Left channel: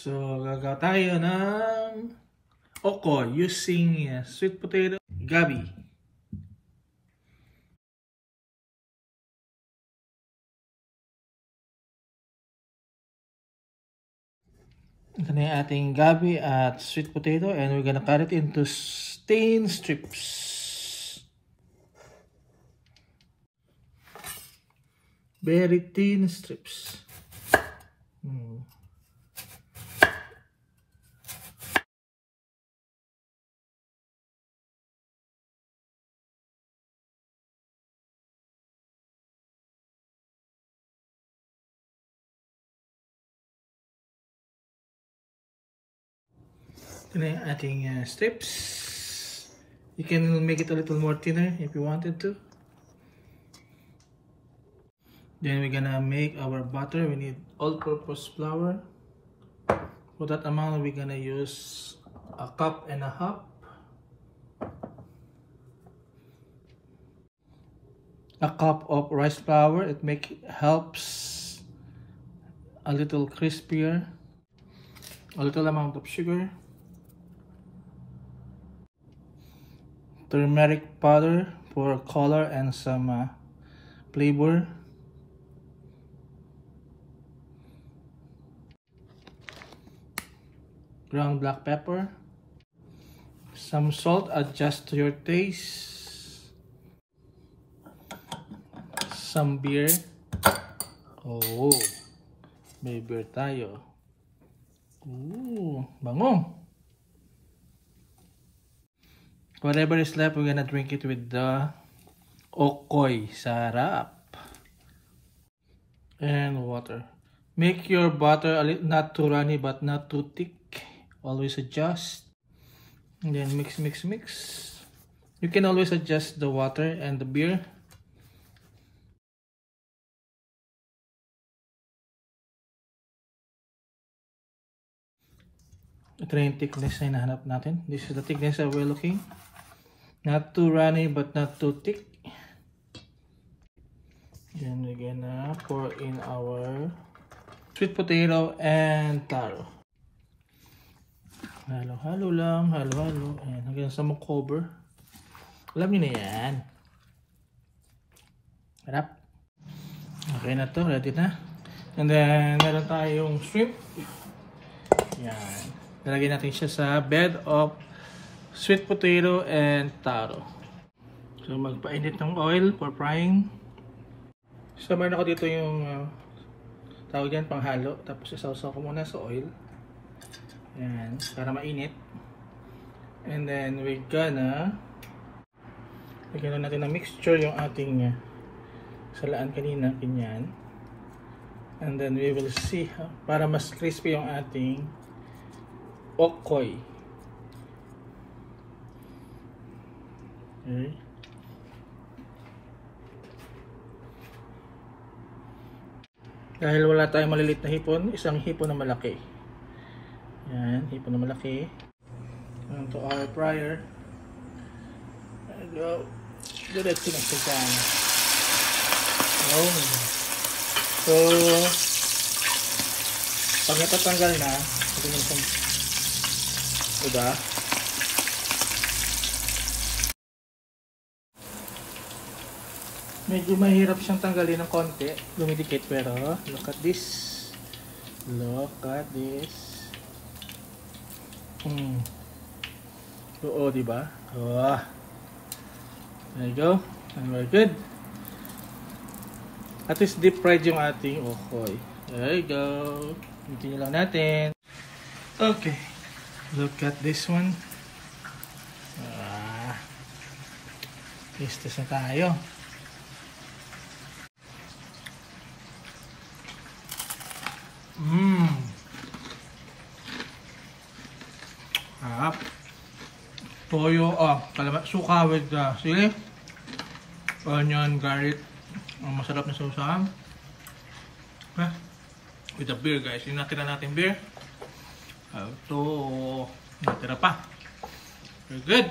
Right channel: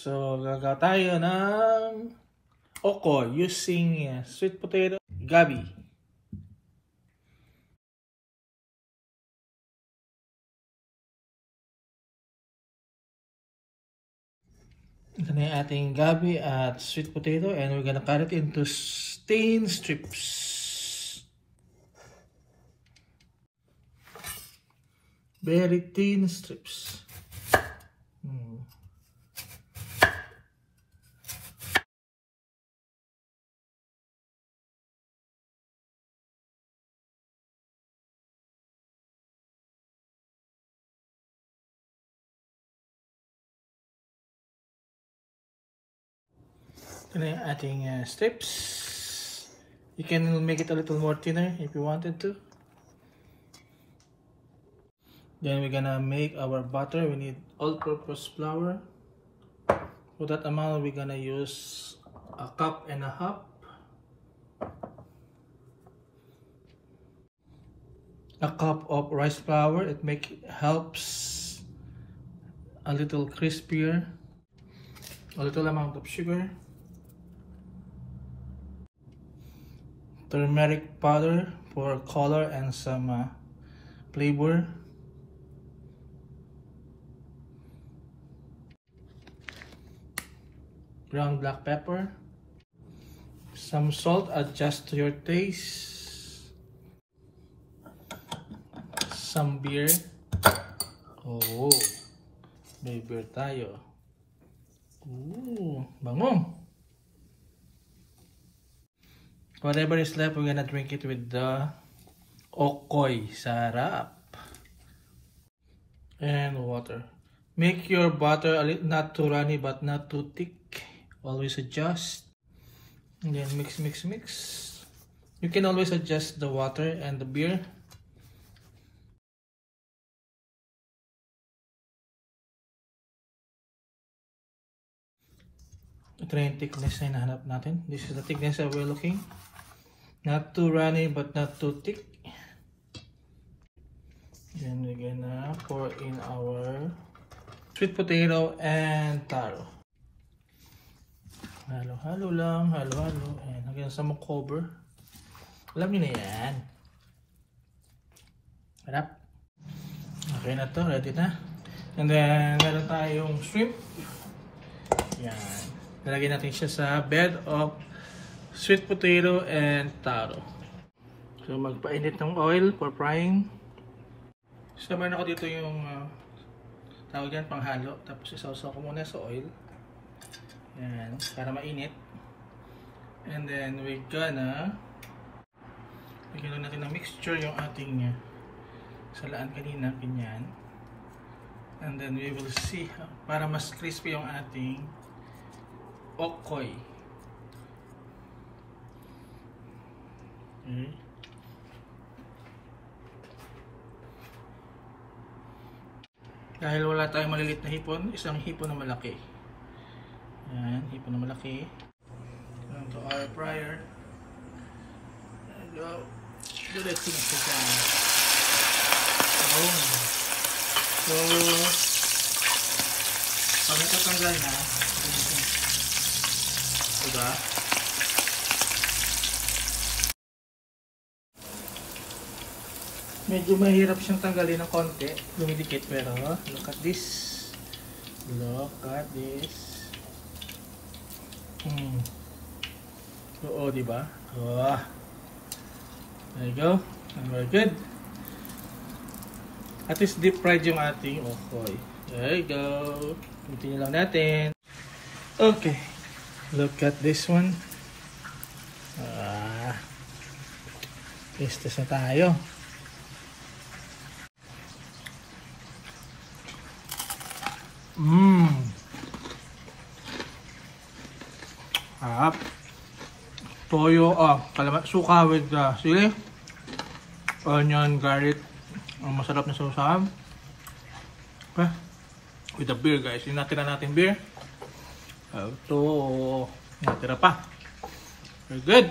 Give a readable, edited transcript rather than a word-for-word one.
So, gagawa tayo ng okoy using sweet potato, gabi. Ito na yung ating gabi at sweet potato, and we're gonna cut it into thin strips. Very thin strips. Ito na yung ating strips. You can make it a little more thinner if you wanted to. Then we're gonna make our butter. We need all-purpose flour. For that amount, we're gonna use 1.5 cups. A cup of rice flour. It helps a little crispier. A little amount of sugar. Turmeric powder for color and some flavor. Ground black pepper. Some salt, adjust to your taste. Some beer. Oh, may beer tayo. Ooh, bango. Whatever is left, we're gonna drink it with the okoy. Sarap. And water. Make your butter not too runny but not too thick. Always adjust. And then mix. You can always adjust the water and the beer. Ito na yung thickness na hinahanap natin. This is the thickness that we're looking. Not too runny but not too thick. And we're gonna pour in our sweet potato and taro. Halo-halo lang, halo-halo. Ayan, hanggang sa mag-cover. Alam niyo na yan. Harap. Okay na to, ready na. And then, meron tayong shrimp. Ayan. Nalagyan natin siya sa bed of sweet potato and taro. So, magpainit ng oil for frying. So, meron ako dito yung tawag dyan, panghalo. Tapos, isawsaw ko muna sa oil. Ayan, para mainit. And then, we're gonna lagyan natin ng mixture yung ating salaan kanina, ganyan. And then, we will see para mas crispy yung ating okoy. Okay. Dahil wala tayong malilit na hipon, isang hipon na malaki. Yan, hipon na malaki. To our fryer. And go. Diretso na siya. So, pag natatanggal na, diba? Medyo mahirap siyang tanggalin ng konti, dumidikit, pero look at this. Look at this. Oo, diba? Oh. There you go. And we're good. At least deep fried yung ating okoy. There you go. Continue lang natin. Okay. Look at this one. Taste na tayo. Toyo, suka with sili, onion, garlic. Masarap na sausawan. Okay. With the beer, guys. Yung natira natin beer. Ito, natira pa. Very good.